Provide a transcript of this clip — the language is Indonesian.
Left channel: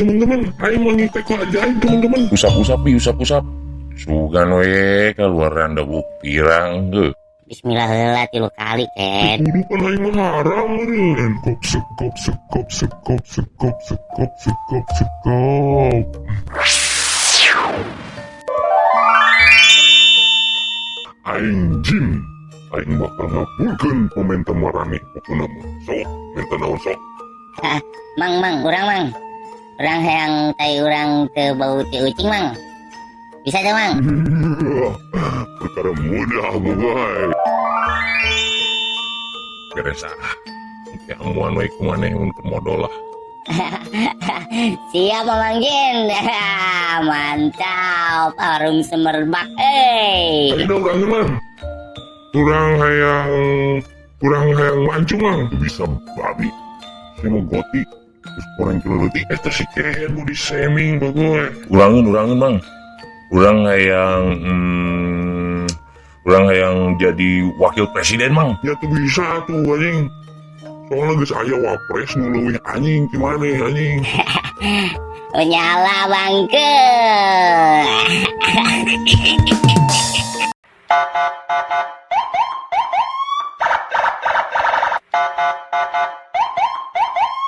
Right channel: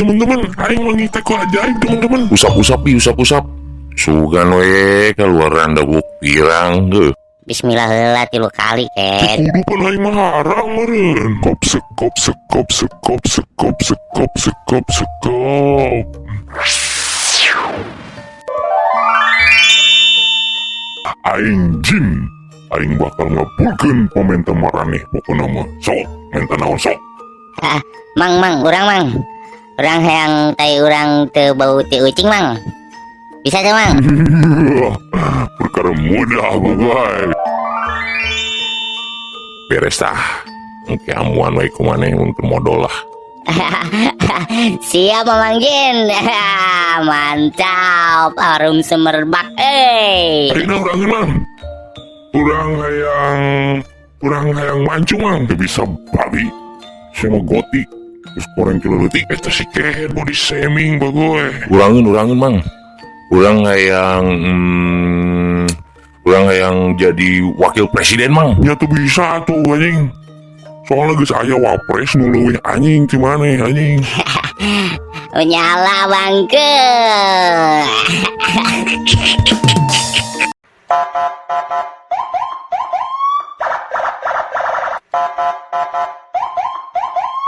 teman-teman, aing mangi teko ajaib teman-teman. Usap-usap sugan we keluaran dabuk pirang heuh. Bismillah heula 3 kali Ken. Kudu pan aing mah harang meureun. Sekop. Aing jin, aing bakal ngabulkeun pamenta maraneh pokona mah. Sok, menta naon sok. Mang, urang hayang tai urang teu bau ti ucing mang. Bisa teu mang? Perkara mudah bagai. Beres tah. Engke amuan we kumaneh untuk modal lah. Siap Mamang Jin. Mantap, harum semerbak Aina urang mang. Urang hayang mancu mang. Teu bisa balik. Sama goti. Terus koreng kilo leutik eta si kehe body shaming bagoe. Urangeun mang. Urang hayang jadi wakil presiden mang. Ya tuh bisa tuh anjing. Soalnya geus aya wapres nu leuwih anjing ti maneh anjing. Nyala bangke.